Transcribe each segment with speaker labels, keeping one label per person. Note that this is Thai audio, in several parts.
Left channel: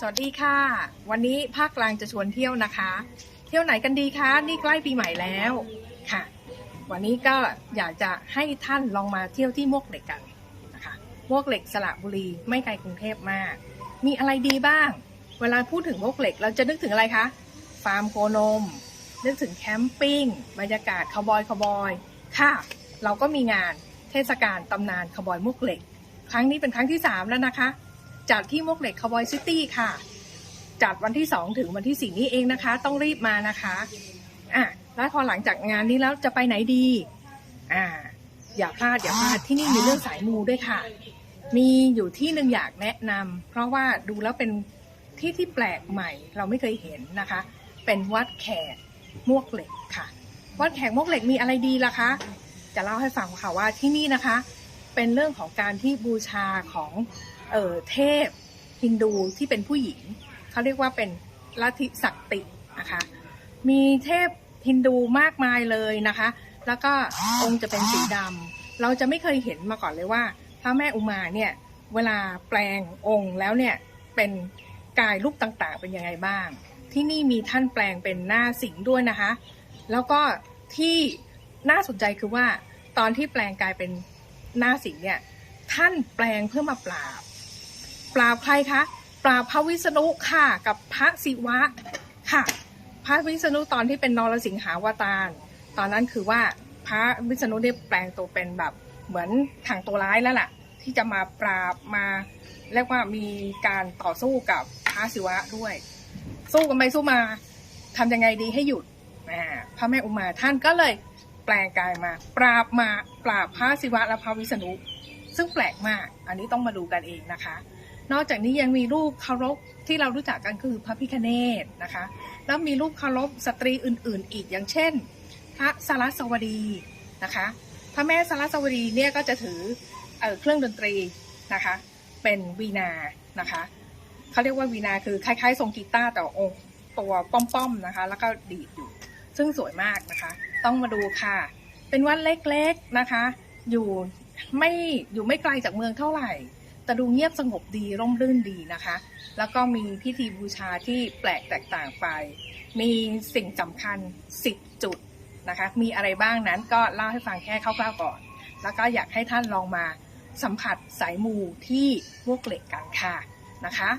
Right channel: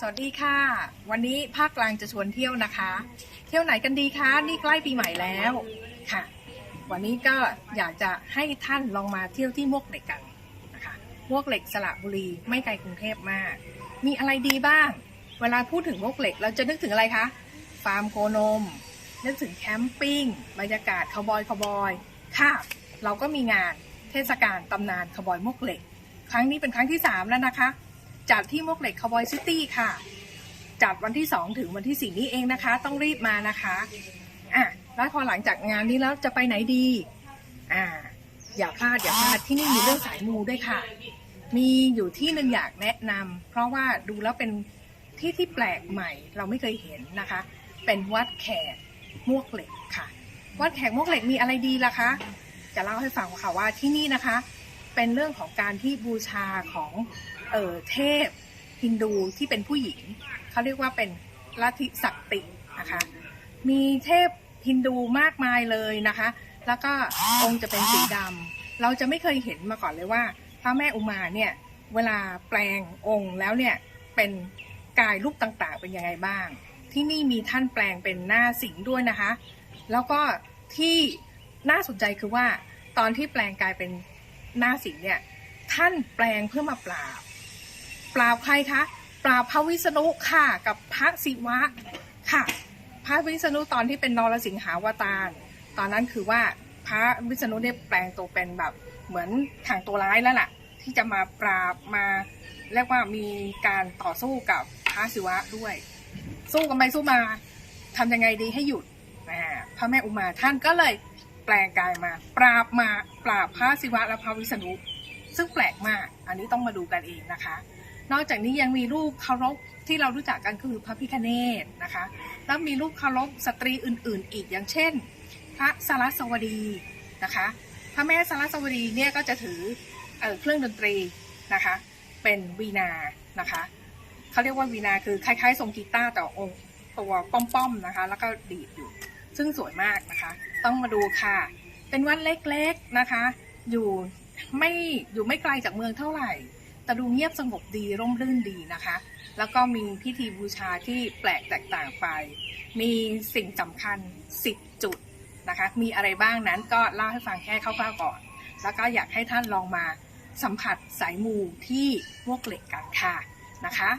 Speaker 1: สวัสดีค่ะ วันนี้ภาคกลางจะชวนเที่ยวนะคะ เที่ยวไหนกันดีคะ นี่ใกล้ปีใหม่แล้วค่ะ วันนี้ก็อยากจะให้ท่านลองมาเที่ยวที่มวกเหล็กกันนะคะมวกเหล็กสระบุรีไม่ไกลกรุงเทพมาก มีอะไรดีบ้าง เวลาพูดถึงมวกเหล็กเราจะนึกถึงอะไรคะฟาร์มโคนม นึกถึงแคมปิ้งบรรยากาศคาวบอยคาวบอยค่ะ เราก็มีงานเทศกาลตำนานคาวบอยมวกเหล็ก ครั้งนี้เป็นครั้งที่ 3 แล้วนะคะ จัดที่มวกเหล็กคาวบอยซิตี้ค่ะ จัดวันที่ 2 ถึงวันที่ 4 นี้เองนะคะ ต้องรีบมานะคะอะแล้วพอหลังจากงานนี้แล้วจะไปไหนดีอ่าอย่าพลาดอย่าพลาดที่นี่มีเรื่องสายมูด้วยค่ะ มีอยู่ที่หนึ่งอยากแนะนำเพราะว่าดูแล้วเป็นที่ที่แปลกใหม่เราไม่เคยเห็นนะคะ เป็นวัดแขกมวกเหล็กค่ะ วัดแขกมวกเหล็กมีอะไรดีล่ะคะ จะเล่าให้ฟังค่ะว่าที่นี่นะคะ เป็นเรื่องของการที่บูชาของ เอ่อเทพฮินดูที่เป็นผู้หญิง เขาเรียกว่าเป็นลัทธิศักตินะคะมีเทพฮินดูมากมายเลยนะคะ แล้วก็องค์จะเป็นสีดำเราจะไม่เคยเห็นมาก่อนเลยว่าพระแม่อุมาเนี่ยเวลาแปลงองค์แล้วเนี่ยเป็นกายรูปต่างๆ เป็นยังไงบ้าง ที่นี่มีท่านแปลงเป็นหน้าสิงด้วยนะคะ แล้วก็ที่น่าสนใจคือว่าตอนที่แปลงกายเป็นหน้าสิงเนี่ยท่านแปลงเพื่อมาปราบ ปราบใครคะ ปราบพระวิษณุค่ะ กับพระศิวะค่ะ พระวิษณุตอนที่เป็นนรสิงหาวตาร ตอนนั้นคือว่าพระวิษณุเนี่ยแปลงตัวเป็นแบบเหมือนทางตัวร้ายแล้วล่ะ ที่จะมาปราบมาเรียกว่ามีการต่อสู้กับพระศิวะด้วย สู้กันไปสู้มาทำยังไงดีให้หยุดพระแม่อุมาท่านก็เลยแปลงกายมา ปราบมาปราบพระศิวะและพระวิษณุซึ่งแปลกมาก อันนี้ต้องมาดูกันเองนะคะ นอกจากนี้ยังมีรูปเคารพที่เรารู้จักกันคือพระพิคเนตนะคะ แล้วมีรูปเคารพสตรีอื่น ๆ อีกอย่างเช่น พระสารสวดีนะคะ พระแม่สารสวดีเนี่ยก็จะถือเออเครื่องดนตรีนะคะ เป็นวีนานะคะเขาเรียกว่าวีนาคือคล้าย ๆ ทรงกีตาร์แต่องค์ตัวป้อมๆนะคะ แล้วก็ดีดอยู่ ซึ่งสวยมากนะคะ ต้องมาดูค่ะ เป็นวัดเล็กๆนะคะ อยู่ไม่อยู่ไม่ไกลจากเมืองเท่าไหร่ แต่ดูเงียบสงบดีร่มรื่นดีนะคะ แล้วก็มีพิธีบูชาที่แปลกแตกต่างไป มีสิ่งสำคัญ 10 จุดนะคะ มีอะไรบ้างนั้นก็เล่าให้ฟังแค่คร่าวๆก่อน แล้วก็อยากให้ท่านลองมาสัมผัสสายมูที่มวกเหล็กกันค่ะนะคะ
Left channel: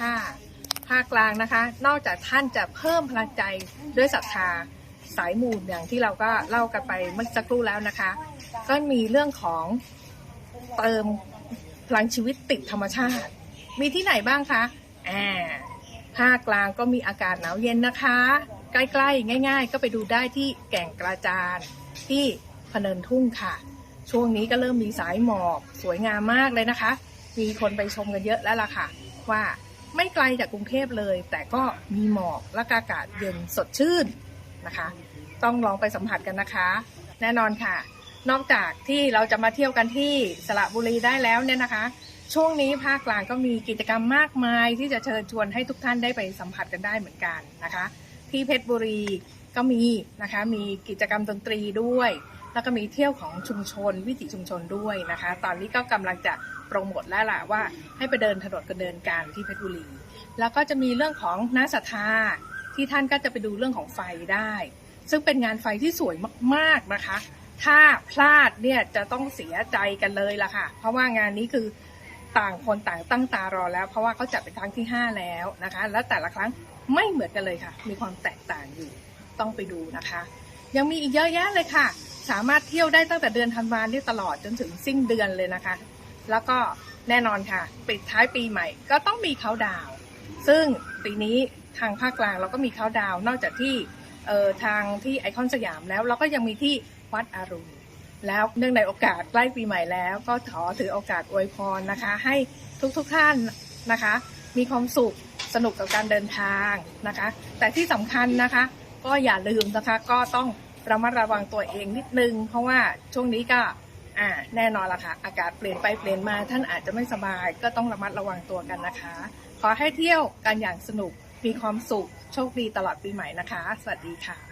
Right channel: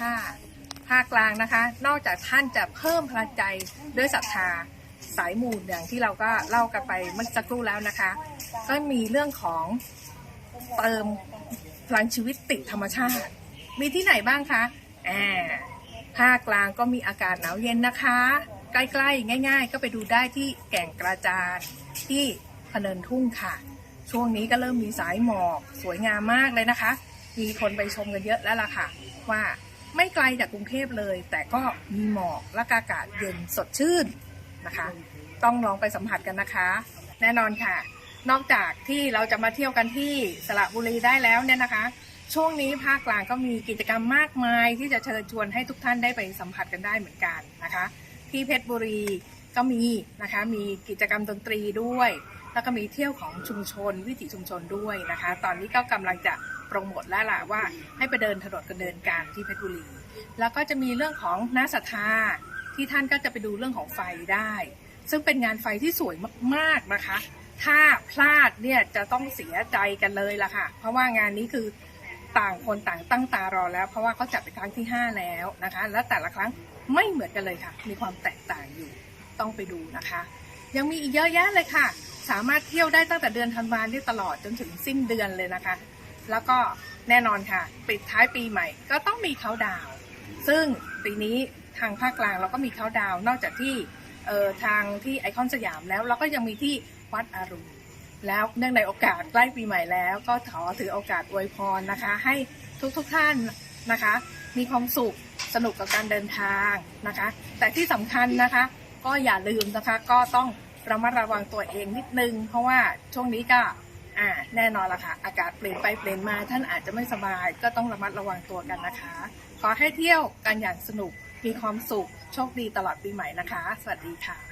Speaker 1: ค่ะภาคกลางนะคะ นอกจากท่านจะเพิ่มพลังใจด้วยศรัทธาสายมูอย่างที่เราก็เล่ากันไปเมื่อสักครู่แล้วนะคะ ก็มีเรื่องของเติม ลังชีวิตติดธรรมชาติ มีที่ไหนบ้างคะอ่าภาคกลางก็มีอากาศหนาวเย็นนะคะ ใกล้ๆ ง่าย ๆ ก็ไปดูได้ที่แก่งกระจานที่พะเนินทุ่งค่ะ ช่วงนี้ก็เริ่มมีสายหมอกสวยงามมากเลยนะคะ มีคนไปชมกันเยอะแล้วล่ะค่ะ ว่าไม่ไกลจากกรุงเทพเลย แต่ก็มีหมอกและอากาศเย็นสดชื่นนะคะ ต้องลองไปสัมผัสกันนะคะ แน่นอนค่ะ นอกจากที่เราจะมาเที่ยวกันที่สระบุรีได้แล้วเนี่ยนะคะ ช่วงนี้ภาคกลางก็มีกิจกรรมมากมาย ที่จะเชิญชวนให้ทุกท่านได้ไปสัมผัสกันได้เหมือนกันนะคะ ที่เพชรบุรีก็มีนะคะ มีกิจกรรมดนตรีด้วย แล้วก็มีเที่ยวของชุมชนวิถีชุมชนด้วยนะคะ ตอนนี้ก็กำลังจะโปรโมทแล้วล่ะว่าให้ไปเดินถนนกันเดินกันที่เพชรบุรี แล้วก็จะมีเรื่องของน้าศรัทธาที่ท่านก็จะไปดูเรื่องของไฟได้ ซึ่งเป็นงานไฟที่สวยมากๆนะคะ ถ้าพลาดเนี่ยจะต้องเสียใจกันเลยล่ะค่ะ เพราะว่างานนี้คือต่างคนต่างตั้งตารอแล้ว เพราะว่าเขาจัดเป็นครั้งที่ 5 แล้วนะคะ และแต่ละครั้งไม่เหมือนกันเลยค่ะ มีความแตกต่างอยู่ต้องไปดูนะคะ ยังมีอีกเยอะแยะเลยค่ะ สามารถเที่ยวได้ตั้งแต่เดือนธันวาคมที่ตลอดจนถึงสิ้นเดือนเลยนะคะ แล้วก็แน่นอนค่ะ ปิดท้ายปีใหม่ ก็ต้องมีเขาดาวซึ่งปีนี้ทางภาคกลางเราก็มีเขาดาว นอกจากที่ออทางที่ไอคอนสยามแล้วเราก็ยังมีที่ วัดอรุณแล้วเนื่องในโอกาสใกล้ปีใหม่แล้ว ก็ขอถือโอกาสอวยพรนะคะ ให้ทุกๆทท่านนะคะ มีความสุขสนุกกับการเดินทางนะคะ แต่ที่สำคัญนะคะ ก็อย่าลืมนะคะ ก็ต้องระมัดระวังตัวเองนิดนึง เพราะว่าช่วงนี้ก็อ่าแน่นอนละค่ะ อากาศเปลี่ยนไปเปลี่ยนมาท่านอาจจะไม่สบาย ก็ต้องระมัดระวังตัวกันนะคะ ขอให้เที่ยวกันอย่างสนุกมีความสุขโชคดีตลอดปีใหม่นะคะ สวัสดีค่ะ